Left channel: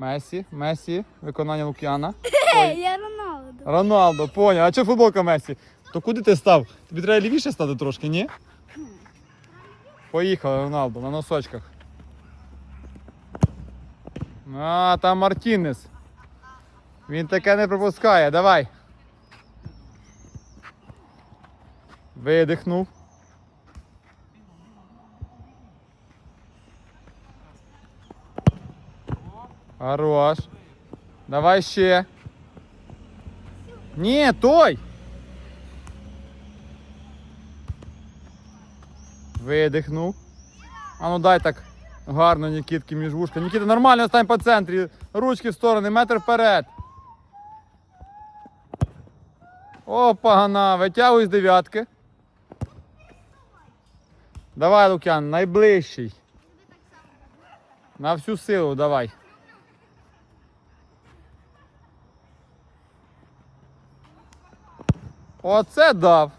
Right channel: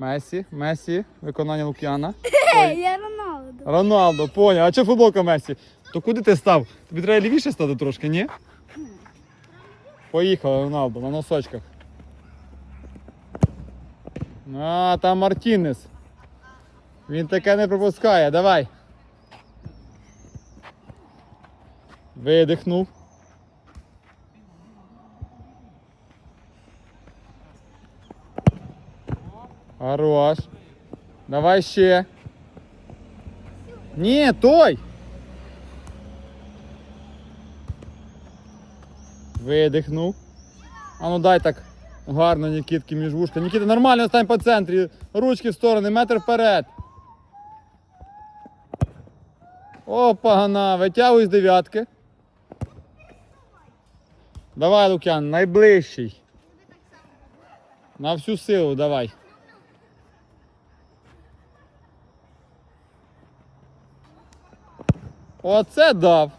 Месі, Месі, виконання Лук'яна. Я Роналду. Роналдо, поняв. А чи футболка Месі? То куди ти став? Тобі треба лівіше стати трошки, ні? Поїхали, Роналдо, на носочках. А, там Мартінес. Він таке не пропускає. Давай. Видихнув. Хорош. Давай ще. Ні, той. Видихнув. А ну дай так гарно Нікітки між вушка. Нікіта, нормально стань по центрі. Ручки в сторони, метр вперед. Опа, гана, витягуй з дев'ятки. Давай, Лук'ян, найближчий. На всю силу давай. Оце дав.